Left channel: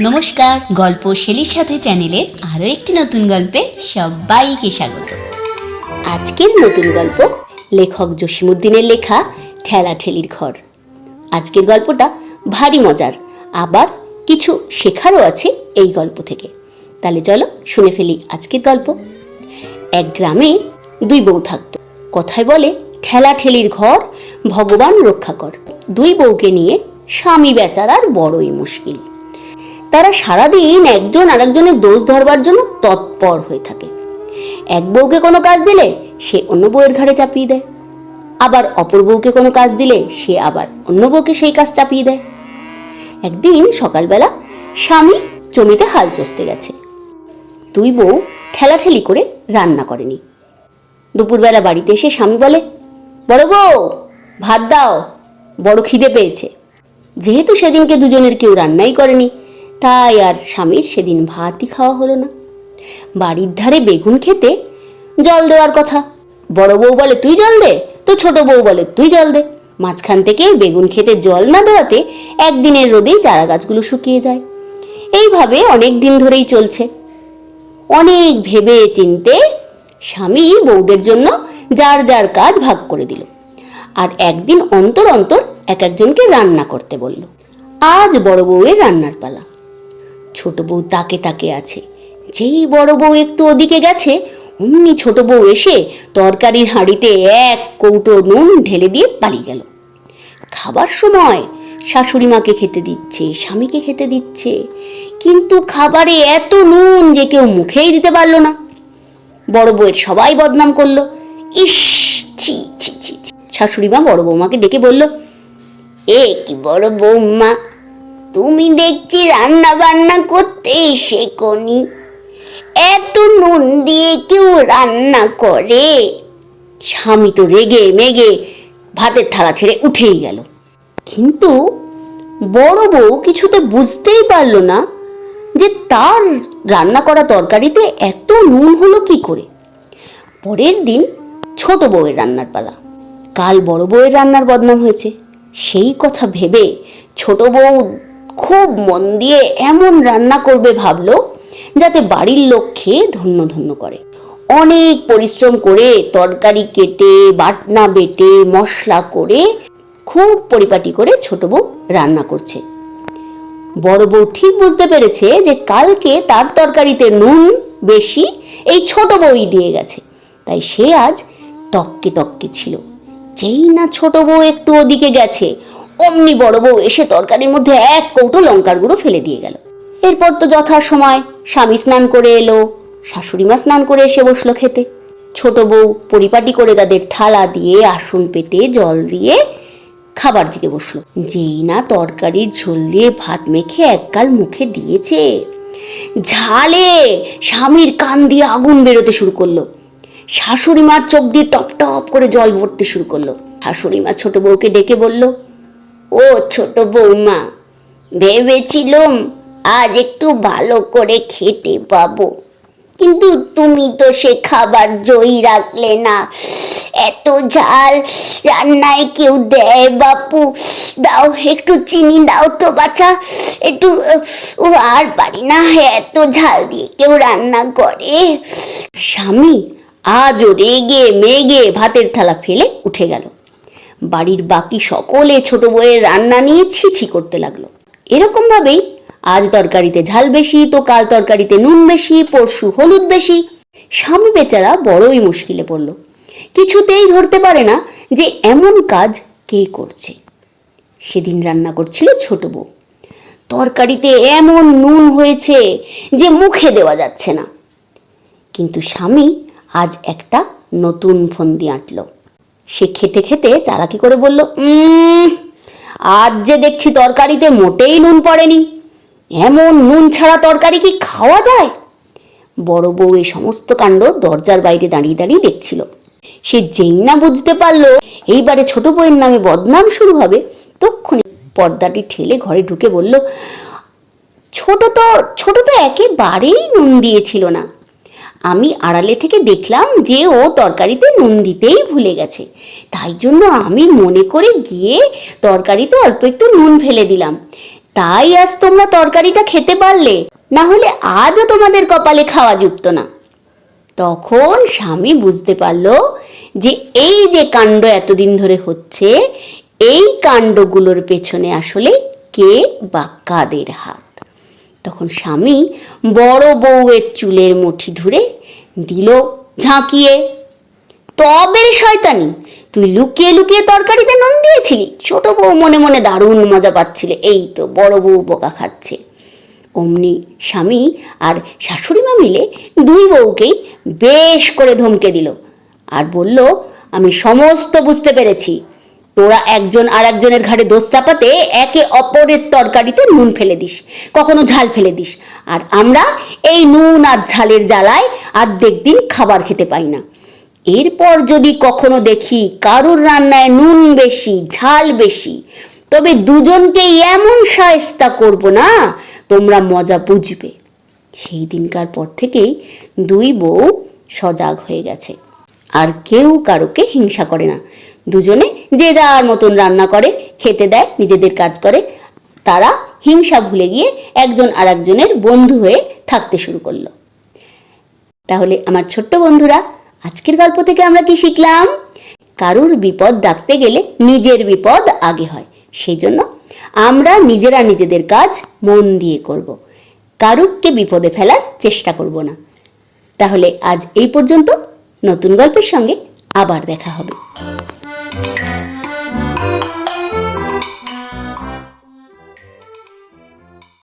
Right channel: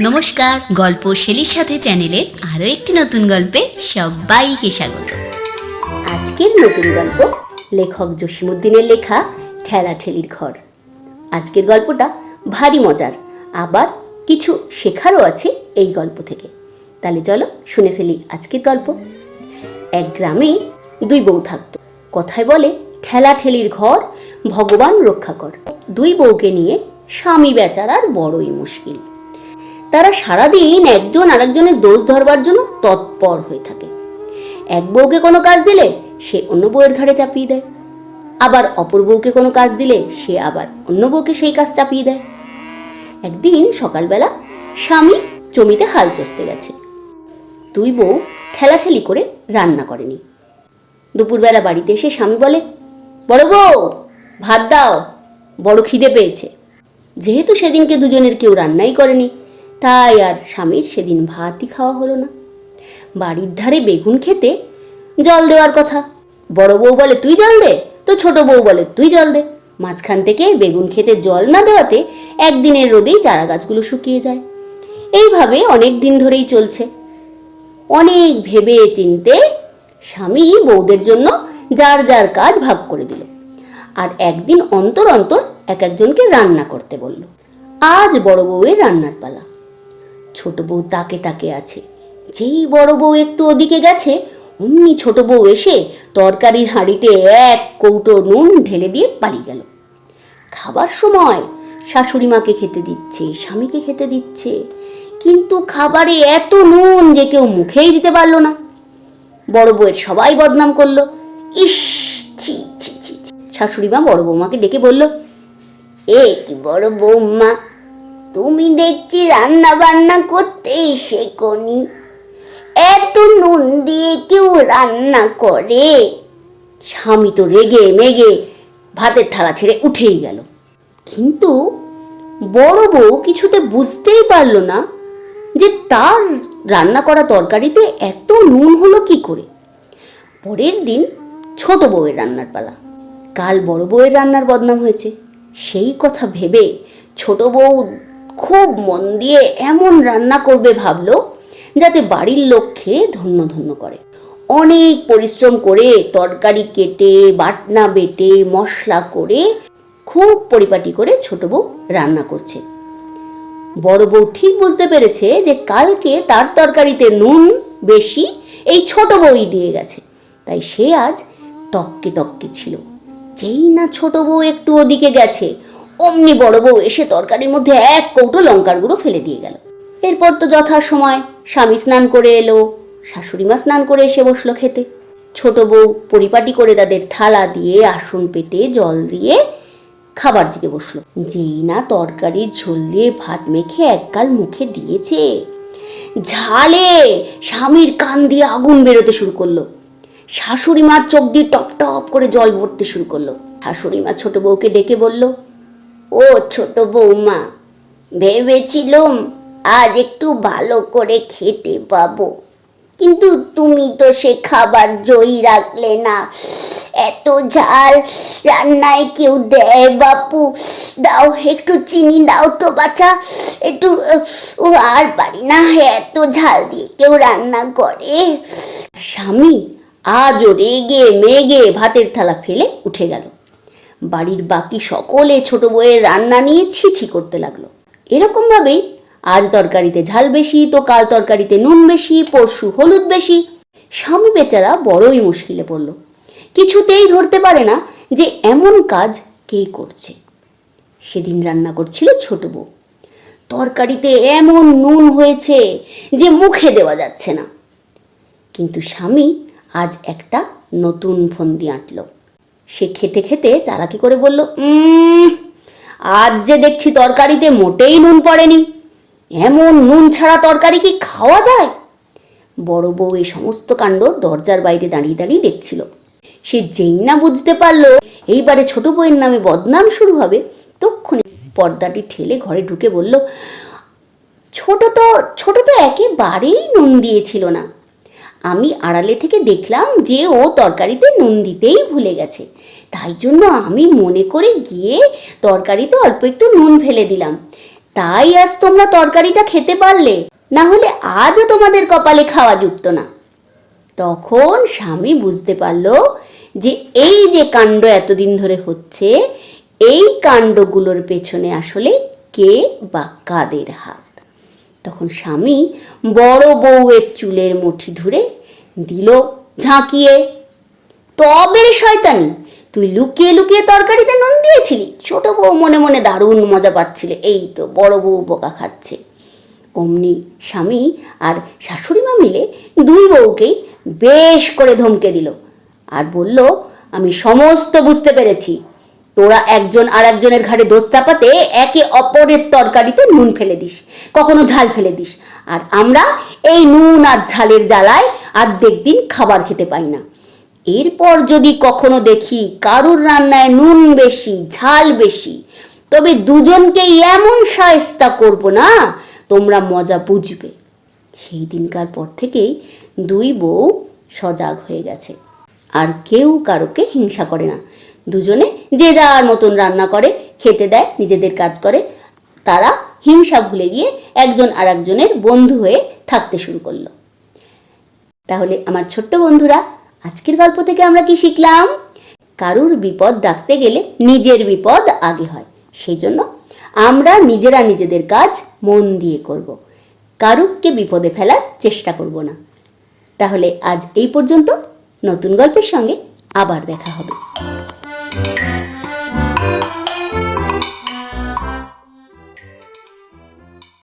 নমস্কার, গল্প শেলির সাথে চ্যানেলে আরও একটি নতুন গল্পে সবাইকে স্বাগত। আজকের নতুন গল্প লেখক জসিমুদ্দিনের লেখা ঠেলাঠেলির ঘর। আজকের গল্পটা ভারী মজার, আবার কিছু শেখারও আছে এই গল্প থেকে। তাহলে চলো শুনে ফেলি আজকের গল্প। এক গ্রামে দুই বউ থাকতো। কথায় বলে, ঠেলাঠেলির ঘর ভগবান রক্ষা কর। দুই বউকে নিয়ে স্বামী বেচারার বড়ই মুশকিল। তারা সারাদিন একজন আরেকজনের দোষ ধরবার জন্য তৎপর হয়ে থাকে। এক বউকে কোনো কাজ দিলে সে অন্য বউয়ের ঘাড়ে চাপিয়ে দেয়। আবার অপর বউকে কোনো কাজ দিলে সে আবার অন্য বউকে সেই কাজ চাপিয়ে দেয়। একদিন সকালবেলা স্বামী জমিতে হাল চষতে গেছে। দুই বউ ঠেলাঠেলি করে রান্না করেনি। দুপুরবেলা বাড়িতে এসে স্বামী বলে, বড় বউ ভাত দাও, বড় খিদে পেয়েছে। যেহেতু সেদিনকে দুজনের কেউ রান্নাই করেনি, তাই আর স্বামীর সেদিন ভাতই খাওয়া হলো না। বাড়ির ধারে বেগুন খেতে জল দেওয়ার কথা। বড় বউ বলে, তুই জল দে? তো ছোট বউ বলে, তুই জল দে। মাঝখান থেকে বেগুন খেতে জল না দেওয়াতে একদিনের রোদেই চারা গাছগুলো শুকিয়ে যায়। এইভাবে অনেক দিন ধরেই চলছে। অনেক ভেবে চিনতে স্বামী বউদের জন্য যার যার কাজ ভাগ করে দিল। আর একদিন অন্তর অন্তর এক একজনকে রান্না করতে বলল, আজ বড় বউয়ের রান্নার পালা। ছোট বউ তাকে তাকে আছে। যেই বড় বউ একটু ওদিকে গেছে, অমনি ছোট বউ এসে তরকারির হাঁড়িতে এক কৌটো নুন ঢেলে দিয়ে পালিয়ে গেল। খাবার সময় শাশুড়ি মাকে খেতে দিচ্ছে, স্বামীকে খেতে দিচ্ছে। কিন্তু খাবারে এত নুন যে কেউ মুখেই দিতে পারল না। বড় বউয়ের সবাই বদনাম করল, ইস, ছি ছি ছি। শাশুড়ি মা বড় বৌমাকে ডেকে বলল, এ কি বড় বৌমা, তুমি দেখছি রান্না বান্না করতেই শেখনি এত নুন দিয়ে কেউ রান্না করে? স্বামী তো রেগে মেগে ভাতের থালা ছেড়ে উঠেই গেল। কিন্তু বড় বউ কিছুতে বুঝতেই পারল না যে তার রান্না করা তরকারিতে এত নুন হলো কি করে। পরের দিন ছোট বউয়ের রান্নার পালা। কাল বড় বউয়ের রান্নার বদনাম হয়েছে। সেই কথা ভেবে ছোট বউ খুব মন দিয়ে এমন রান্না করবে ভাবল, যাতে বাড়ির লোক খেয়ে ধন্য ধন্য করে। অনেক পরিশ্রম করে তরকারি কেটে, বাটনা বেটে, মশলা করে খুব পরিপাটি করে ছোট বউ রান্না করছে। বড় বউ ঠিক বুঝতে পেরেছে যে কালকে তার তরকারিতে নুন বেশি এই ছোট বউই দিয়ে গেছে। তাই সে আজ তককে তককে ছিল। যেই না ছোট বউ একটু ওদিকে গেছে, অমনি বড় বউ এসে তরকারির মধ্যে এক কৌটো লঙ্কার গুঁড়ো ফেলে দিয়ে গেল। এরপর তো যথা সময় স্বামী স্নান করে এলো শাশুড়ি মা স্নান করে এসে বসল খেতে। ছোট বউ পরিপাটি করে তাদের থালা দিয়ে আসন পেতে জল দিয়ে খাবার দিতে বসল। যেই না তরকারির ঝোল দিয়ে ভাত মেখে একগাল মুখে দিয়েছে, ঝালে স্বামীর কান দিয়ে আগুন বেরোতে শুরু করল। শাশুড়ি মার চোখ দিয়ে টপ টপ করে জল ভরতে শুরু করল। শাশুড়ি মা ছোট বউকে ডেকে বলল, ও ছোট বৌমা ভেবেছিলাম আজ একটু ভালো করে খেতে পাবো। কিন্তু তুমি তো সে খাবার জয়ী রাখলে না। এত ঝাল রান্নায় কেউ দেয় বাপু। দাও একটু চিনি, দাও তো বাচ্চা একটু, ও আর পারি না এত ঝাল দিয়ে কেউ রান্না করে। স্বামী আজও রেগে মেগে ভাতের থালা ফেলে উঠে গেল। বাড়ির বাকি সকলে ছোট বউয়ের রান্না নিয়ে ছিছি করতে লাগল। এরকম ভাবেই আজ তরকারিতে ঝাল বেশি, তো কাল তরকারিতে নুন বেশি, পরশু হলুদ বেশি। স্বামী বেচারা বড়ই মুশকিলে পড়ল। কিছুতেই ধরতে পারে না যে এমন কাজ কে করছে। সেদিন রান্না করছিল ছোট বউ। তরকারিতে এমন নুন হয়েছে যে মুখে দেওয়া যাচ্ছে না। কিন্তু স্বামী আজ একটা নতুন ফন্দি আঁটল। সে খেতে খেতে চালাকি করে বলল "উম, আজ যে দেখছি তরকারিতে মোটেই নুন পড়েনি। এমন নুন ছাড়া তরকারি কি খাওয়া যায়? বড় বউ এই সমস্ত কাণ্ড দরজার বাইরে দাঁড়িয়ে দাঁড়িয়ে দেখছিল। সে যেই না বুঝতে পারল এইবারে ছোট বউয়ের নামে বদনাম শুরু হবে। তক্ষুনি পর্দাটি ঠেলে ঘরে ঢুকে বলল ছোট তো ছোট তো একেবারেই নুন দিয়েছিল না। আমি আড়ালে থেকে দেখলাম যে ও তরকারিতে নুন দিতেই ভুলে গেছে। তাই জন্য আমি মনে করে গিয়ে তরকারিতে অল্প একটু নুন ফেলে দিলাম। তাই আজ তোমরা তরকারিটা খেতে পারলে, না হলে আজও তোমাদের কপালে খাওয়া যুক্ত না। তখন স্বামী বুঝতে পারল যে এই যে কাণ্ড এতদিন ধরে হচ্ছে, এই কাণ্ডগুলোর পেছনে আসলে কে বা কাদের হাত। তখন স্বামী বড় বউয়ের চুলের মুঠি ধরে দিল ঝাঁকিয়ে, তবে শয়তানি, তুই লুকিয়ে লুকিয়ে তরকারিতে নুন দিয়েছিলি? ছোট বউ মনে মনে দারুণ মজা পাচ্ছিলে, এই তো বড় বউ বোকা খাচ্ছে। অমনি স্বামী আর শাশুড়ি মা মিলে দুই বউকেই বেশ করে ধমকে দিল আর বলল, আমি সমস্ত বুঝতে পেরেছি তোরা একজন আর একজনের ঘাড়ে দোষ চাপাতে একে অপরের তরকারিতে নুন ফেলে দিস, কখনো ঝাল ফেলে দিস। আর আমরা এই নুন আর ঝালের জ্বালায় অর্ধেক দিন খাবার খেতে পাই না। এরপর যদি কখনো দেখি কারুর রান্নায় নুন বেশি, ঝাল বেশি, তবে দুজনকে এমন সায়স্তা করব না, তোমরা মজা বুঝবে। সেই দিনকার পর থেকেই দুই বউ সজাগ হয়ে গেছে। আর কেউ কারোকে হিংসা করে না। দুজনে যে যার মতন রান্না করে, খেতে দেয়, নিজেদের কাজ করে, তারা হিংসা ভুলে গিয়ে একজন আর একজনের বন্ধু হয়ে থাকতে শুরু করল। তাহলে আমার ছোট্ট বন্ধুরা, আজকের গল্প থেকে আমরা কি শিখলাম? কারুর বিপদ ডাকতে গেলে নিজের বিপদ আগে হয়। সেই জন্য আমরা নিজেরা নিজেদের কাজ মন দিয়ে করব। কারুরকে বিপদে ফেলার চেষ্টা করব না। তাহলে আজ এই পর্যন্ত নতুন গল্পের সঙ্গে আবার দেখা হবে।